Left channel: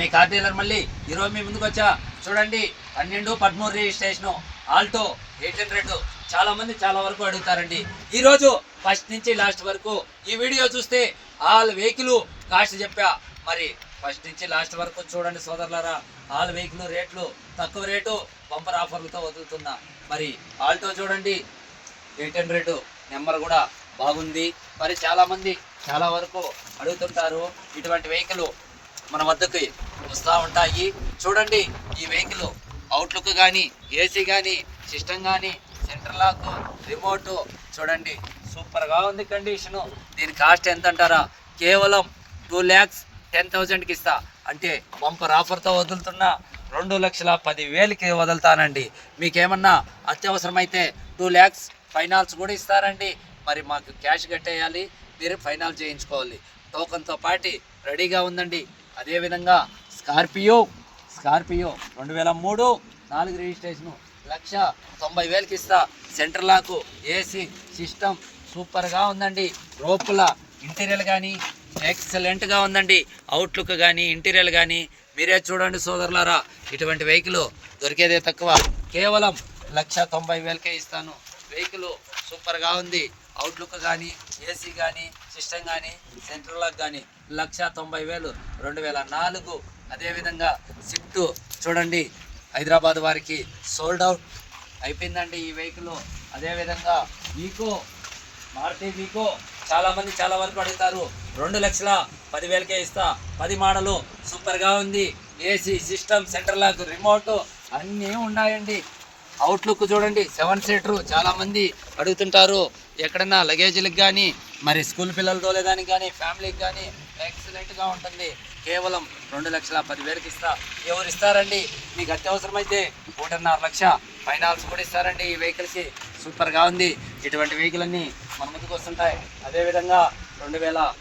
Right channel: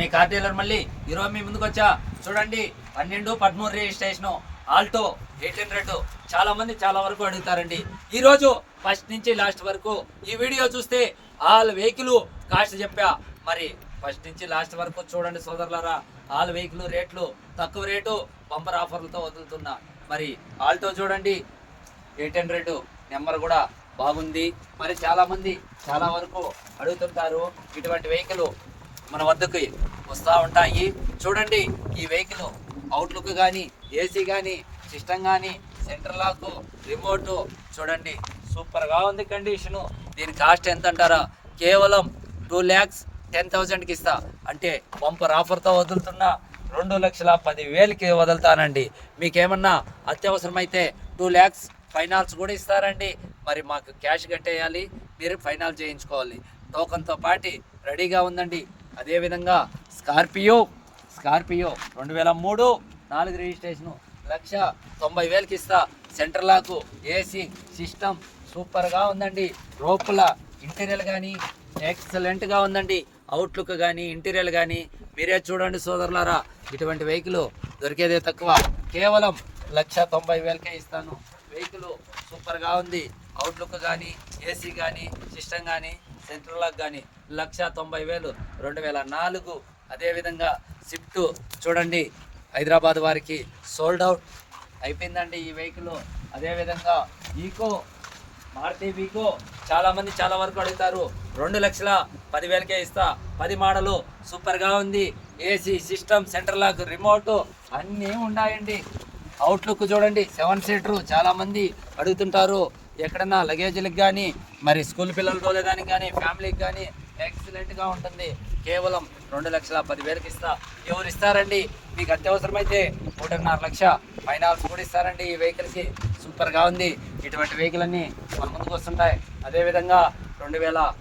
మీ car dealer మళ్ళీ ఈరోజు మీ ముందుకు వచ్చా? చూడండి పన్నెండు పదమూడు రిజిస్ట్రేషన్ ఆల్టో ఎయిట్ హండ్రెడ్ చాలా మంది చాలా వరకు అడుగుతారండి. ఈరోజు ఫస్ట్ నుంచి లాస్ట్ వరకు ఈ వీడియో చూస్తే ఆల్ వెహికల్ కాస్ట్ చెప్పా. మరి ఫస్ట్ నుంచి లాస్ట్ వరకు చూడండి సోదరులారా ఆల్ వెహికల్ రేట్లు తక్కువ రేటు బంపర్ ఆఫర్లతో వదులుతున్నా. మరి ఆల్టో చూడండి ఎయిట్ హండ్రెడ్ నెంబర్ కూడా బాగుంది. మరి చాలామంది చాలా వరకు అడుగుతుంటారు ఇటువంటి వెహికల్ మన వద్దకి వస్తూ ఉంటాయి. చూడండి ఈ వెహికల్ అవుట్లుక్ కానీ ఏసీ కానీ సిస్టమ్ కానీ సెంటర్ లాక్ రిమోట్ చూడండి సూపర్గా ఉంది కండిషను దీని కాస్ట్ ఎంత అంటారా కేవలం టూ ల్యాక్స్ టెన్ థౌజండ్కి ఇస్తా. అంటే బంపర్ ఆఫర్తో వదులుతున్నా రెండు లక్షల పది వేలకి వదులుతానండి. మీకేమన్నా అత్యవసరమైతే టూ ల్యాక్స్ ఫైనాన్స్ కూడా ఇస్తారండి. మరి మాకు క్యాష్ కట్టేయాలి మీరు ఫైనాన్స్ చేయించుకోవాలి. టోకన్తో పాటి రెడీగా ఉందండి. అదేవిధంగా స్కార్పియో స్కార్పియో రెండు వేల మూడు నాలుగు రిజిస్ట్రేషను లక్ష తొంభై వేలకి ఇస్తా. సెంటర్ లాకు ఏసీ సిస్టమ్ సూపర్గా ఉందండి. రోపుల ఇంటీరియర్ కానీ ఎక్సలెంట్గా ఉందండి. అవుట్లుక్ కానీ ఇంటీరియర్ కానీ మీరే చూడండి సోదరులారా. ఇటువంటి వెహికల్ దొరికేదే తక్కువ. కేవలం లక్ష తొంభై వేలకే ఇస్తాను. వెహికల్ సూపర్గా ఉంది. అవుట్లుక్ కానీ ఏసీ కానీ సిస్టమ్ కానీ సెంట్రల్ లాక్ కానీ లక్ష తొంభై వేలు. రెండు వేల నాలుగు అదేవిధంగా స్విఫ్ట్ చూడండి హైదరాబాద్ వారికి సోల్డ్ అవుట్ అయిపోయిందండి ఈ వెహికల్ అదేవిధంగా వీకో మారుతి వీకో చాలామంది చాలా వరకు అడుగుతారు రెండు లక్షల పదివేలకే ఇస్తా. పది మోడలు సూపర్గా ఉంది. AC system centre lock remote అన్నీ ఉన్నాయండి. అవుట్లుక్ చూడండి సెవెన్ సీటరు చాలామంది అడుగుతుంటారు ఎక్కడన్నా లగేజీలకు కానీ మరి స్కూల్ పిల్లలు తోలేదానికి కానీ ఫ్యామిలీకి కానీ ఎక్సలెంట్గా ఉంటుంది. కేవలం రెండు లక్షల పదివేలకు ఇస్తా. ఎవరు ఇస్తారండి. మీకు అత్యవసరమైతే ఒకటిన్నర లక్ష ఫైనాన్స్ కూడా ఇస్తారండి ఈ వెహికల్కి సూపర్గా ఉంది. ఇటువంటి వెహికల్ అన్నీ మన ముందుకు వస్తుంటాయి. అదేవిధంగా రెండు వేల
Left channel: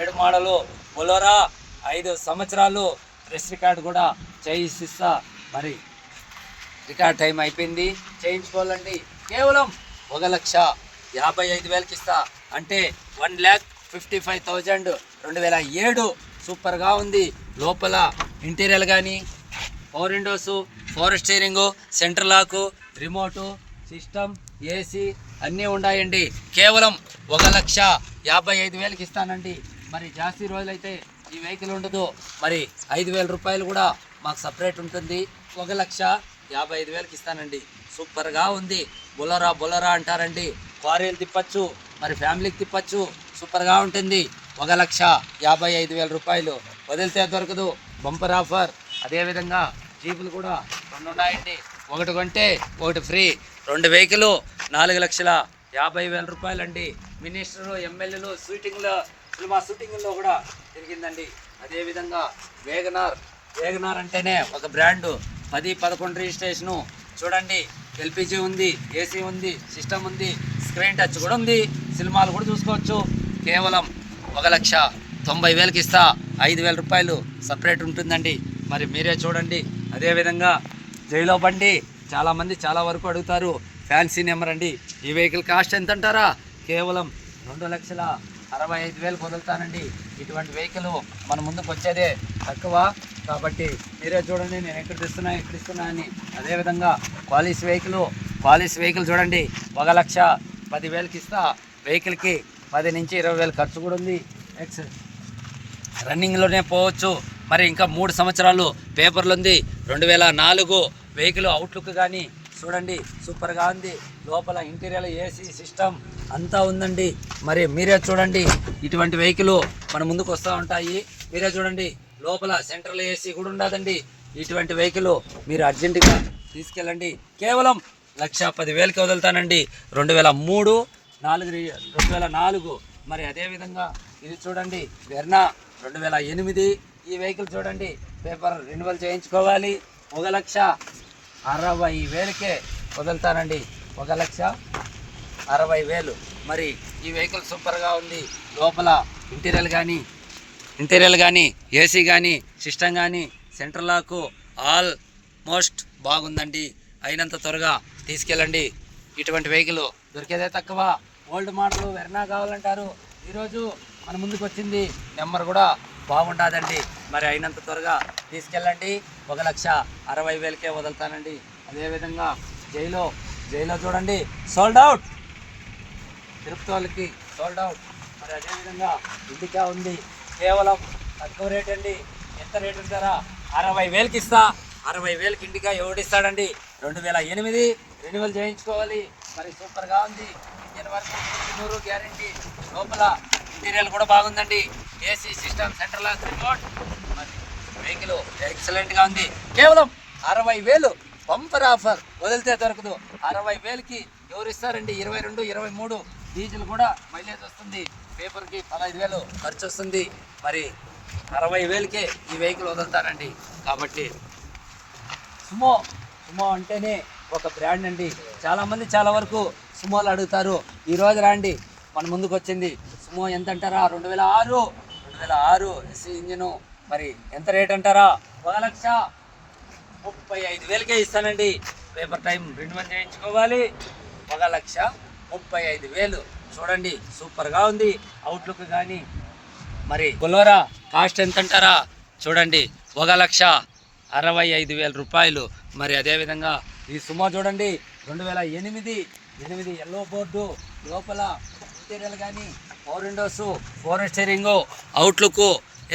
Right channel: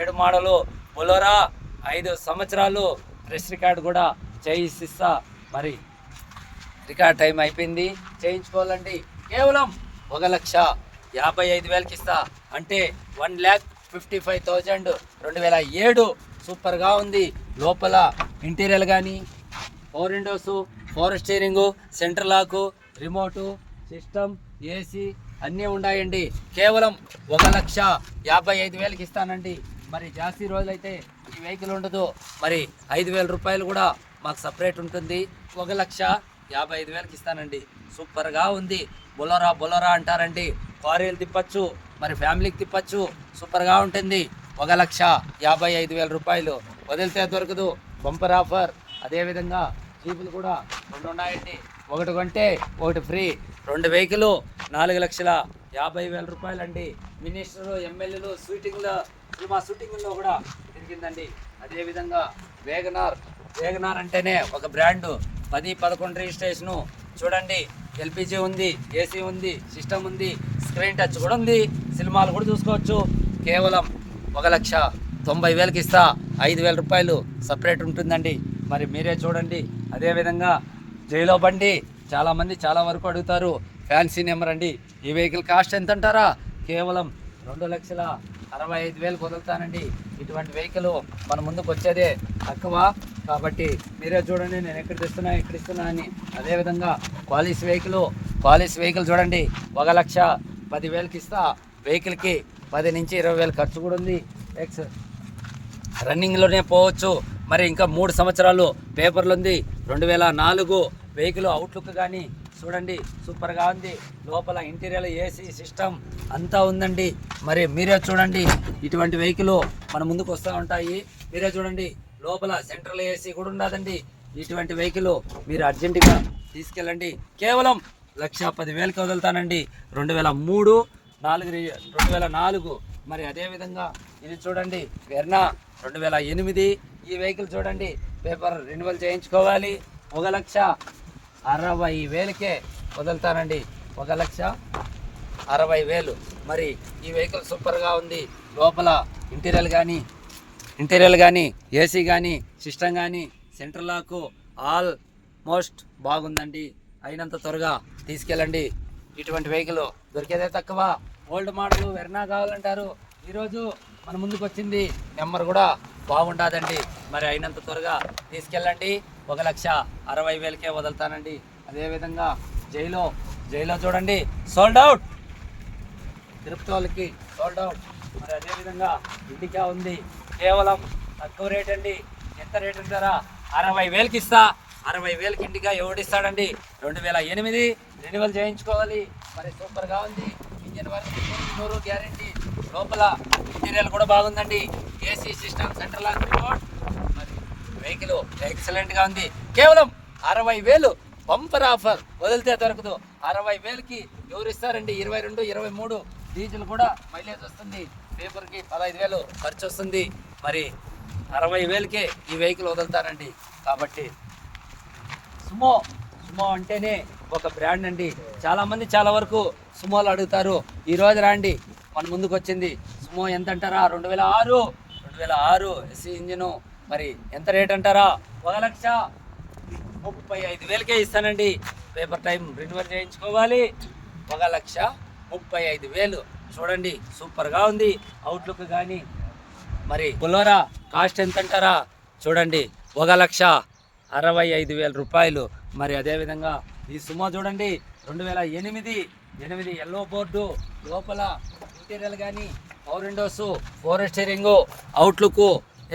ఏడు మోడలు బొలోరా ఐదు సంవత్సరాలు ప్రెస్ రికార్డు కూడా చేయిస్తా. మరి రికార్డ్ టైం అయిపోయింది. చేయించుకోవాలండి. కేవలం ఒక లక్ష యాభై ఐదు వేలకి ఇస్తా. అంటే one lakh fifty five thousand రెండు వేల ఏడు సూపర్గా ఉంది. లోపల ఇంటీరియర్ కానీ power windows power steering centre lock remote system AC అన్నీ ఉన్నాయండి. కేవలం ఒక లక్ష యాభై ఐదు వేలకి ఇస్తానండి. మరి జాస్తి రోజులైతే ఈ వెహికల్ ఉండదు. మరి ఐదు వేల రూపాయలు కూడా మాకు సపరేట్ ఉంటుంది. ఒక లక్ష యాభై ఐదు వేలకి ఇస్తానండి. సూపర్గా ఉంది. బొలరా బొలరా అంటారండి. కారీలు తిప్పచ్చు మరి ఫ్యామిలీకి తిప్పచ్చు. సూపర్గా ఉంటుంది. ఒక లక్ష యాభై ఐదు వేల రూపాయలు వదిలితే దొరకదు. Bumper offer. అదేవిధంగా జీపులు కూడా రెండు ఉన్నాయండి. ఒకటి కొంటే ఒకటి ఫ్రీ. రెండు వెహికల్ నాలుగు లక్షల యాభై వేల రూపాయలండి. మినిస్టరు ఎమ్మెల్యేలు షూటింగ్లో సినిమా షూటింగ్లో కూడా జరిగిందండి. అదేవిధంగా వేగనార్. వేగనార్ అంటేనే ఒక బ్రాండు. పది పదకొండు రిజిస్ట్రేషను చూడండి. ఎల్పిజి ఉంది ఏసీ ఉంది సిస్టమ్ ఉంది స్క్రీన్ టచ్ కూడా ఉంది. సినిమాలు కూడా చూసుకోవచ్చు. కేవలం ఒక లక్ష తొంభై వేలకి ఇస్తా. ఐదు వేల రూపాయలు సపరేట్ ఉంటుందండి. మరి మీరే చూడండి. అదేవిధంగా జైలో బండి చాలామంది చాలా వరకు అడుగుతారు. ఫ్యాన్సీ నెంబర్ అండి. ఈ వెహికల్ కాస్ట్ ఎంత అంటారా కేవలం రెండు లక్షల అరవై ఐదు వేలు వదులుతానండి ఇటువంటి వెహికల్ మన ముందుకు వచ్చేదే తక్కువ. కాబట్టి మీరే చూడండి నేను ఎక్కడ ఇస్తున్నా ఎక్కడ ఇస్తున్నా అని. అదేవిధంగా క్వాలిస్ వెహికల్ క్వాలిస్ వెహికల్ చూడండి. ఒక లక్ష పదివేలకి ఇస్తా. వెహికల్కి పది నుంచి ఇరవై వేలు ఖర్చు కూడా ఉంది. ఎక్స్ రన్నింగ్లోనే పోవచ్చు. మరి ఇంకా మూడు సంవత్సరాలు పేపర్లు ఉంది. రెండు వేల నాలుగు వెహికల్ అవుట్లుక్ కానీ చూడండి సూపర్గా ఉంది. లోపల ఇంటీరియర్ ఏసీ సిస్టమ్ అంతా ఉందండి. మరి మీరే చూడండి ఇటువంటి వెహికల్ మన ముందుకు వస్తూ ఉంటాయి. మీరే చూడండి లోపల సెంట్రల్ ఏసీ కూడా ఉండదండి. ఇటువంటి వెహికల్ మీరు అర్జెంటుగా తీసుకెళ్ళండి. కేవలం లక్ష పదివేలకి వదులుతానండి. రెండు వేల మూడు నాలుగు రెండు వేల నాలుగు. మరి అదేవిధంగా ఇది చూడండి వెర్నా రెండు వేల ఎనిమిది. ఈ వెహికల్ చూడండి పేపర్ రెన్యువల్ చేయించుకోవాలి. ఒక లక్ష అరవై వేలకే వదులుతానండి. ఒక లక్ష అరవై వేలు. మరి ఈ వెహికల్ సూపర్గా ఉంది. లోపల ఇంటీరియర్ కానీ ఇంటీరియర్ కానీ ఏసీ కానీ సిస్టమ్ కానీ సెంటర్ లాకు ఆల్ మోస్ట్ బాగుందండి. అయినంత త్వరగా తీసుకెళ్ళండి. ఇటువంటి వెహికల్ దొరికేదే తక్కువ. ఓల్డ్ మోడల్ వెర్నా కావాలంటారు. ఈరోజు మన ముందుకు వచ్చింది నెంబర్ కూడా బాగుంటుందండి మరి అయినంత త్వరగా తీసుకెళ్ళండి. ఒక లక్ష అరవై వేలకే వదులుతానండి. అదేవిధంగా జైలో జైలో చూడండి. సోల్డ్ అవుట్ తిరుపతి వాళ్ళకి సోల్డ్ అవుట్ మరి అదేవిధంగా ఇండికా ఉంది. కేవలం తక్కువ రేట్ అండి. ఎంత రేట్ అంటారా? అరవై వేలకి ఇస్తా అరవై వేలకి ఇండికా ఎవడిస్తాడండి? రెండు వేల ఎనిమిది. రెన్యువల్ చేయించుకోవాలి. మరి సూపర్గా ఉంది. ఇంజన్ వర్క్ నూరు గ్యారంటీ. లోపల మెటీరియల్ కూడా బాగుందండి. ఏసీ సిస్టమ్ సెంట్రల్ రిమోట్ మరి వెహికల్ ఎక్సలెంట్గా ఉంది. కేవలం అరవై వేలు బంపర్ ఆఫర్ వదిలితే దొరకదు. అరవై వేలకి ఎవరు ఇస్తారండి? ఇరవై రెండు ఇరవై మూడు డీజిల్ కూడా మైలేజ్ వస్తుంది. పేపర్కి పదహైదు వేలు ఖర్చు వస్తుంది. మరి అరవై వేలకే ఈ వెహికల్ వదులుతారండి. కాబట్టి సుమో సుమో అంటేనే ఒక బ్రాండ్ అండి. చాలామంది చాలా వరకు సుమోలు అడుగుతారు. ఈరోజు రాండి. మన ముందుకు వచ్చింది. సుమో ఎంత అంటారా రెండు వేల ఆరు. రెండు వేల ఆరు ఎస్సీ ఇంజిను మరి ఎంత రేట్ అంటారా? ఒక లక్ష ముప్పై ఐదు వేలకే ఇస్తానండి. పేపర్ టైం రెన్యువల్ చేయించుకోవాలి. ఒక లక్ష ముప్పై ఐదు వేలు. చూడండి సూపర్గా ఉంది. అవుట్లుక్ కానీ మరి బొలోరా కాస్ట్ ఎంత అంటారా చూడండి ఒక లక్ష అరవై ఐదు వేల రూపాయలు. మరి అదేవిధంగా ఈ సుమా చూడండి రెండు వేల ఎనిమిది ఎనిమిది ఎల్లో బోర్డు లోపల ఇంటీరియర్ కానీ power windows four steering outlook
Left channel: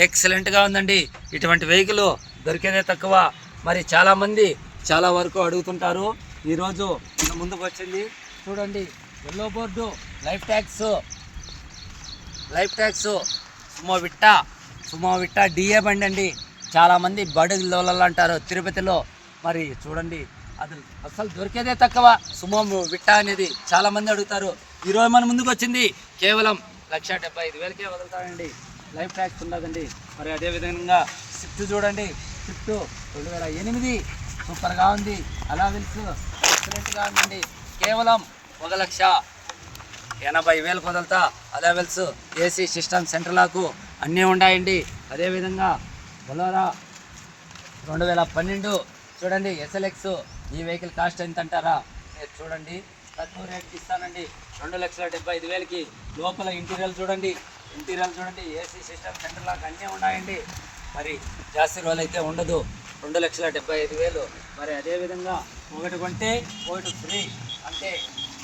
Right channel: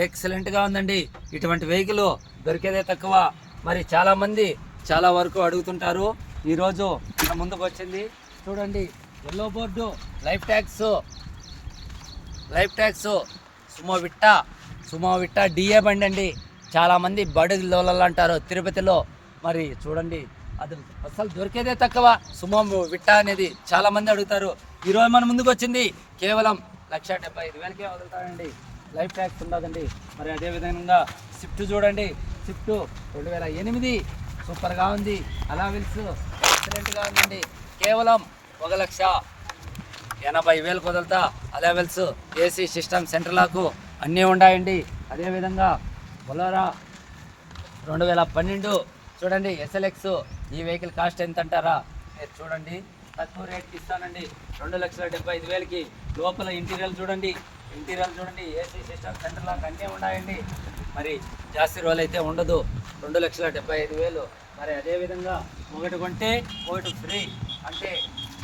ఎక్సలెంట్గా ఉందండి. ఇటువంటి వెహికల్ దొరికేదే తక్కువ. మరి చాలామంది చాలా వరకు అడుగుతుంటారు. ఈరోజు మన ముందుకు వచ్చింది. చూడండి yellow board life tax life tax Sumo Victa Sumo Victa DI బండి అండి. చాలామంది బడుగులలో అంటారు. తిరుపతిలో. మరి చూడండి అది అసలు దొరికేదే తక్కువ. సుమో విట్ట అనేది చాలా మంది అడుగుతారు. ఈరోజు మన ముందుకు వచ్చింది కేవలం లక్ష డెబ్బై ఐదు వేలకే వదులుతాడండి. లైఫ్ ట్యాక్స్ ఉండదండి. మరి అదేవిధంగా స్విఫ్ట్ చూడండి. స్విఫ్ట్ రెండు వేల ఎనిమిది సూపర్గా ఉంది. అలా విల్స్ ఎక్సలెంట్గా ఉందండి. కేవలం ఒక లక్ష ఎనభై వేలకు వదులుతా. అలా అలెవెల్స్ ఏసీ సిస్టమ్ సెంట్రలాకు అన్నీ ఉన్నాయండి అదేవిధంగా బొలోరా రెండు వేల పన్నెండు చూడండి. ఎస్ఎల్ఎక్స్ ఈ వెహికల్ కాస్ట్ ఎంత అంటారా చూడండి. తక్కువ రేట్కి ఇస్తానండి. రెండు లక్షల డెబ్బై ఐదు వేలకి. లోపల ఇంటీరియర్ చూడండి. ఇంటీరియర్ చూడండి. ఏసీ సిస్టమ్ సెంటర్ లాక్ అన్నీ ఉన్నాయండి. మరి జాస్తి రోజులు అయితే ఉండదు. రెండు లక్షల డెబ్బై ఐదు వేలు. మరి అదేవిధంగా ఒకటి కొంటే ఒకటి ఫ్రీ. అంటే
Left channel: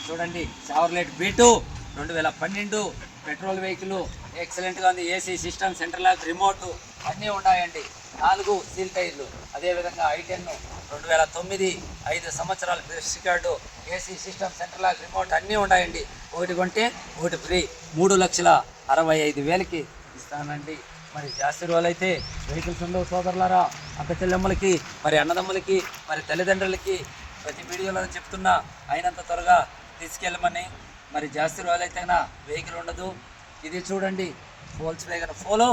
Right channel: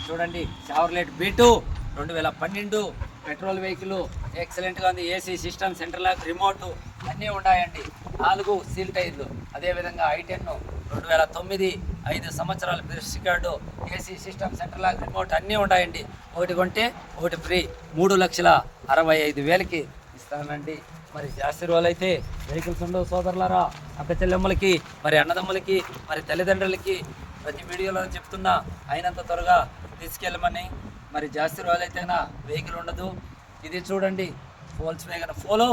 చూడండి చావర్లెట్ బీటు రెండు వేల పన్నెండు. పెట్రోల్ వెహికల్ ఎక్సలెంట్గా ఉంది. AC system centre lock remote అన్నీ ఉన్నాయండి. నాలుగు సీల్ టైర్లు. అదేవిధంగా ఐ టెన్ రెండు వేల తొమ్మిది. ఐదు సంవత్సరాల bliss card AC system centre lock remote అన్నీ ఉన్నాయండి ఒకటి కొంటే ఒకటి ఫ్రీ. మూడు లక్షల అరవై ఐదు వేలకి ఇస్తానండి. మరి జాస్తి రోజులైతే వెహికల్స్ ఉండవు సోదరులారా. అక్క చెల్లెమ్మలకి మరి అన్నదమ్ములకి మరి తల్లిదండ్రులకి ప్రతి వీడియోలో చెప్తున్నా అయినంత త్వరగా తీసుకెళ్ళమని. మరి జాస్తి రోజులైతేనా వెహికల్ ఉండదు. ఇది చూడండి ఫోల్స్ వేగన్ ఫోలో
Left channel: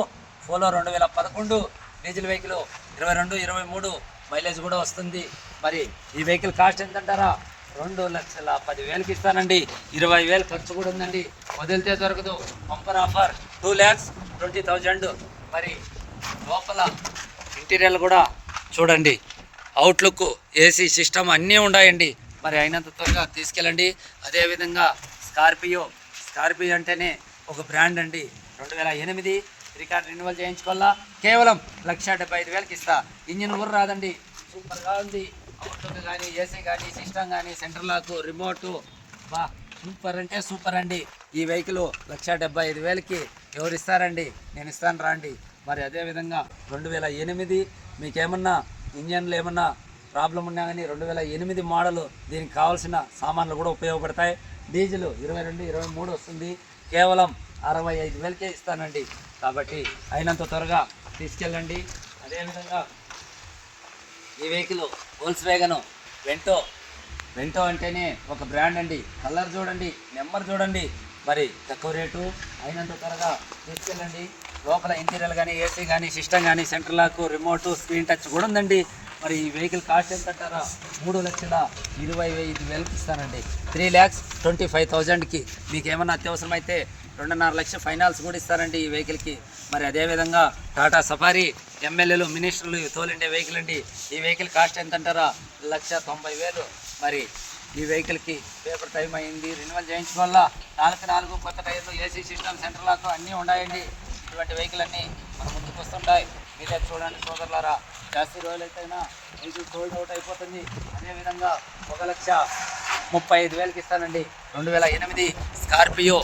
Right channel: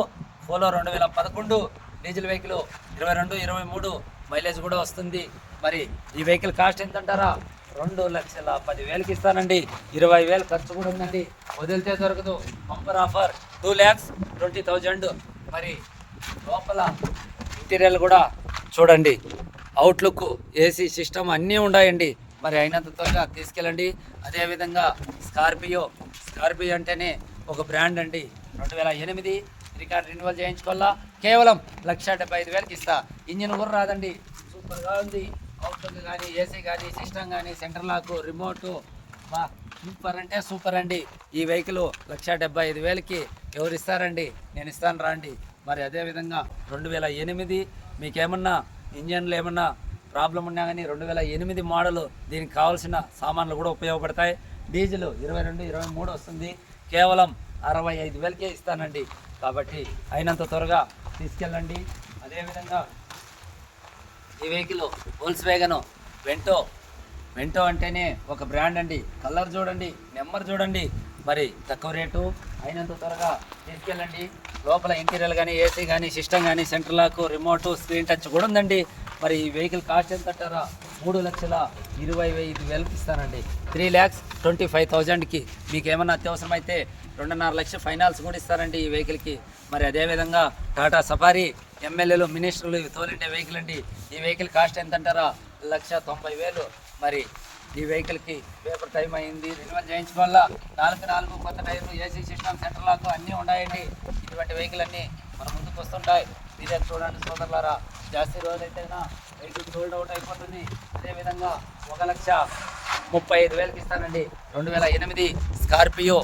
ఫోలో రెండు వేల పదకొండు డీజిల్ వెహికల్ ఇరవై రెండు ఇరవై మూడు మైలేజ్ కూడా వస్తుంది. మరి ఈ వెహికల్ కాస్ట్ ఎంత అంటారా రెండు లక్షల పదివేలకి ఇస్తానండి. ఇరవై వేలు ఖర్చు కూడా ఉందండి. వదిలితే దొరకదు. Bumper offer. Two lakhs twenty thousand. మరి లోపల ఇంటీరియర్ కూడా చూడండి. అవుట్లుక్ ఏసీ సిస్టమ్ అన్నీ ఉన్నాయండి. మరి అయినంత త్వరగా తీసుకెళ్ళండి. అదేవిధంగా స్కార్పియో స్కార్పియో అంటేనే ఒక బ్రాండ్ అండి. రెండు వేల ఎనిమిది రికార్డ్ రెన్యువల్ చేయించుకోవాలా? కేవలం లక్ష డెబ్బై ఐదు వేలకి ఇస్తా. ఇంజిన్ కూడా రాదండి. సూపర్గా ఉంది. అవుట్లుక్ కానీ ఏసీ కానీ సిస్టమ్ కానీ సెంటర్ లాక్ రిమోటు బా సూపర్ అంటే సూపర్ అండి. ఈ వెహికల్ లక్ష డెబ్బై ఐదు వేలకి ఎవరు ఇస్తారండి? నేను ఇస్తాను రాండి మరి అదేవిధంగా రెండు వేల ఎనిమిది మీకేమన్నా ఇంజన్లు ఏమన్నా ప్రాబ్లం ఉన్నా కానీ రెండు వేల ఎనిమిది మోడల్ దీనికి కావాల్సిన సామాన్లు కూడా ఉపయోగపడతాయి. డీజిల్ ఇరవై రెండు ఇరవై మూడు వస్తుంది. కేవలం అరవై ఐదు వేలకే ఇస్తానండి. కాబట్టి అయినంత త్వరగా తీసుకెళ్ళండి. అదేవిధంగా ఈ వెహికల్ హోల్స్ వేగను వెంటో వెంటో అంటేనే ఒక బ్రాండ్ అండి. కలర్ చూడండి నెంబర్ చూడండి. మరి తక్కువ రేటు. అయినంత త్వరగా తీసుకెళ్ళండి. లోపల ఇంటీరియర్ కానీ ఏసీ కానీ సిస్టమ్ కానీ centre lock remote screen touch కూడా ఉందండి. మరి ఈ వెహికల్ కాస్ట్ ఎంత అంటారా? మూడు లక్షల ఇరవై ఐదు వేలకు ఇస్తానండి. త్రీ ల్యాక్స్ ట్వంటీ ఫైవ్ థౌజండ్కి. మీకు ఏమైనా అత్యవసరం అయితే రెండున్నర లక్షల ఫైనాన్స్ కూడా ఇస్తారండి ఈ వెహికల్కి. మరి అదేవిధంగా టాటా సఫారీ ఎమ్మెల్యేలు మినిస్టర్లు తోలిండే వెహికల్ అండి. ఈ వెహికల్ కాస్ట్ ఎంత అంటారా లక్ష తొంభై వేలు. మరి ఈ వెహికల్కి పేపర్ టైం అయింది. రెన్యువల్ వల్ల నాలుగు నాలుగు కొత్త టైర్లు ఏసీ సిస్టమ్ సెంటర్ లాక్ అన్నీ ఉన్నాయండి ఇటువంటి వెహికల్ అన్నీ మన ముందుకు వస్తుంటాయి. మీరే చూడండి సోదరులారా జాస్తి రోజులైతేనా వెహికల్ సోల్డ్ అవుట్ అయిపోతుంది. అదేవిధంగా ఒక లక్ష ముప్పై ఐదు వేలకి ఇస్తానండి. రెండు వేల ఎనిమిది స్కార్పియో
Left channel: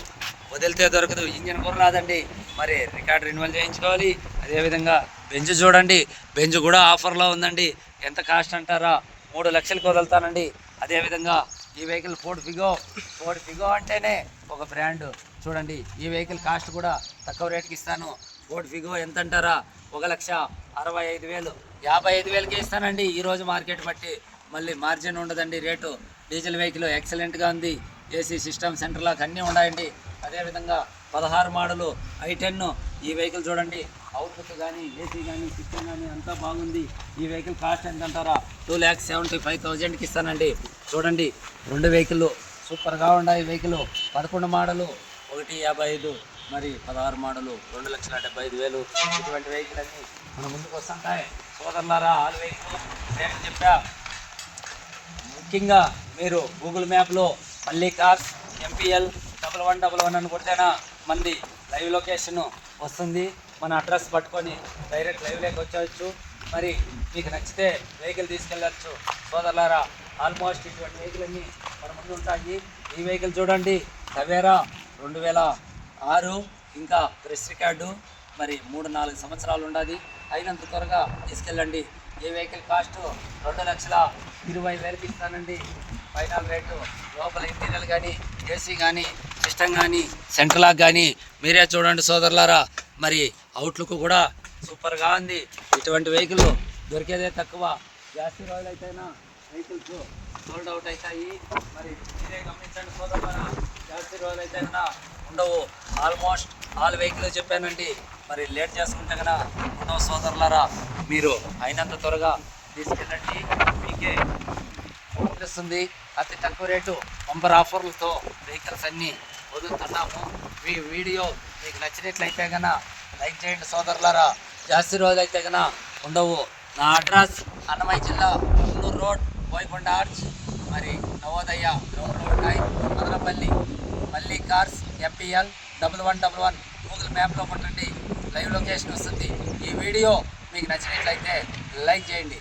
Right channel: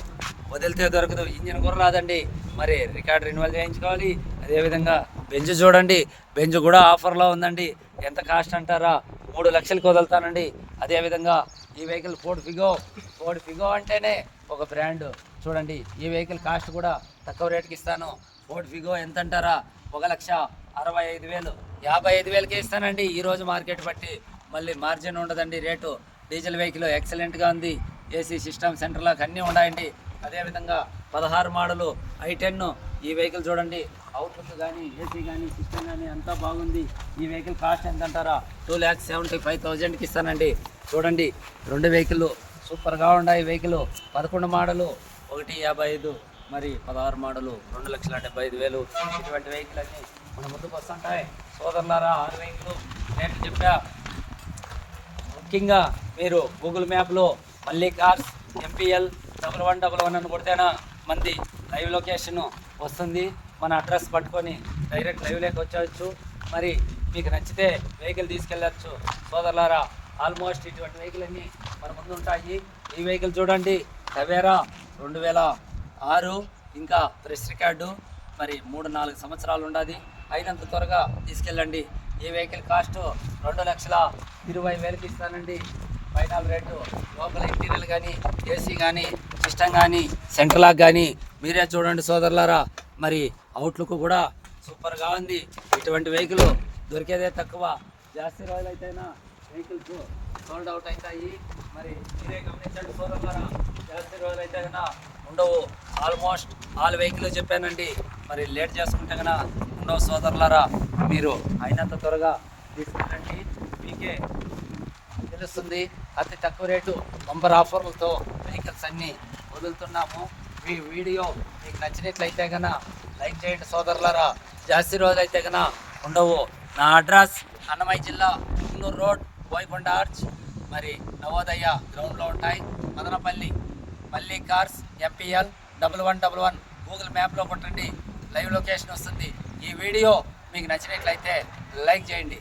వదిలితే దొరకదు. ఇంజిన్ కూడా రాదండి. మరి రికార్డ్ రెన్యువల్ చేయించుకోవాలి. అదేవిధంగా బెంజ్ చూడండి. బెంజ్ కూడా ఆఫర్లో ఉందండి. ఎంత కాస్ట్ అంటారా? మూడు లక్షలకు వదులుతానండి. అదేవిధంగా ఈ vehicle Ford Figo Ford Figo అంటేనే ఒక బ్రాండ్ చూడండి ఈ వెహికల్ కాస్ట్ కూడా తక్కువ రేట్కి ఇస్తాను. ఫోర్డ్ ఫిగో ఎంత అంటారా? ఒక లక్ష అరవై ఐదు వేలు. యాభై ఐదు వేలకి ఇస్తానండి. ఈరోజు మార్కెట్ బట్టి మళ్ళీ మార్జిన్ ఉండదండి రేటు. డీజిల్ వెహికల్ ఎక్సలెంట్గా ఉంది. ఏసీ సిస్టమ్ సెంటర్ లాగా అన్నీ ఉన్నాయండి. అదేవిధంగా పదహారు మోడలు ఐ టెన్ ఈ వెహికల్ చూడండి. అవుట్లుక్ కానీ ఏసీ కానీ సిస్టమ్ కానీ అంతా బాగుంది. ఈ వెహికల్ కాస్ట్ ఎంత అంటారా టూ ల్యాక్స్ సెవెంటీ ఫైవ్ థౌజండ్కి ఇస్తానండి. చూడండి రెండు వెహికల్ సూపర్గా ఉన్నాయి. వెహికల్ పదకొండు మోడలు ఒకటి యాభై ఐదు మరి పదహారు మోడలు రెండు లక్షల డెబ్బై ఐదు వేలు. ఇటువంటి వెహికల్ అన్ని మన ముందుకు వస్తుంటాయి. సోదరులారా ఆరు వెహికల్ నేను చెప్పా. ముఖ్యంగా మీరు గూగుల్ మ్యాప్లో మళ్ళీ cars MPL double one double one అని కొడితేనా మంది లైవ్ లొకేషన్ వస్తుంది. మన అడ్రస్ పట్టుకొని డైరెక్ట్ లైవ్లోకి వచ్చేయచ్చు. మరి మీకు నచ్చితే వెహికల్ తీసుకెళ్ళచ్చు. సోదరులారా ఆల్మోస్ట్ ఇటువంటి వెహికల్ అన్నీ మన ముందు ఉంటాయి. ఈ వెహికల్ చూడండి. టవేరా రెండు వేల ఆరు ఇంకా ప్రెస్ రికార్డు మరి మూడు నాలుగు సంవత్సరాలు ఉండాలి అయినంత త్వరగా తీసుకెళ్ళండి. ఈ వెహికల్ కాస్ట్ రెండు లక్షల ఇరవై వేలకి ఇస్తానండి. ఫైనల్ రేటు లోపల ఇంటీరియర్ కానీ ఏసీ కానీ సిస్టమ్ కానీ సెంట్రల్ కానీ మీరే చూడండి సోదరులారా. మరి అవుట్లుక్ కూడా సూపర్గా ఉంది. ఇటువంటి వెహికల్ దొరికేదే తక్కువ. జాస్తి రోజులు అయితేనా? వెహికల్స్ సోల్డ్ అవుట్ అవుతాయి మరి మీరే గమనించండి సోదరులారా. జాస్తి రోజులు అయితే కన్నా ఉండవు. ఆల్మోస్ట్ ఆల్ వెహికల్ చెప్పానండి. మరి లేట్ చేసుకుంటే కన్నా ఉండవు సోదరులారా. మీరు అయినంత త్వరగా తీసుకెళ్ళండి. మీకే వదిలిస్తుంది అతి తక్కువ రేటు నంబర్ ఆఫర్లతో వెహికల్స్ అన్నీ వదులుతున్నాము. ఈ వీడియో మీకు నచ్చినట్లయితే కనుక లైక్ చేయండి సోదరులారా. జాస్తి రోజులు అయితే కనుక ఉండవు. నా అడ్రస్ అన్నమయ్య జిల్లా కుల్లూరు రోడ్ బోయకొండ ఆర్చ్. మరి నవోదయ గ్రౌండ్లో ఉంటాయి Madanapalle Malli cars MPL double one double one. Google మ్యాప్లో కొట్టండి. లైవ్ లొకేషన్ వస్తుంది. ఈ వీడియో మీకు నచ్చినట్లయితే లైక్ చేయండి.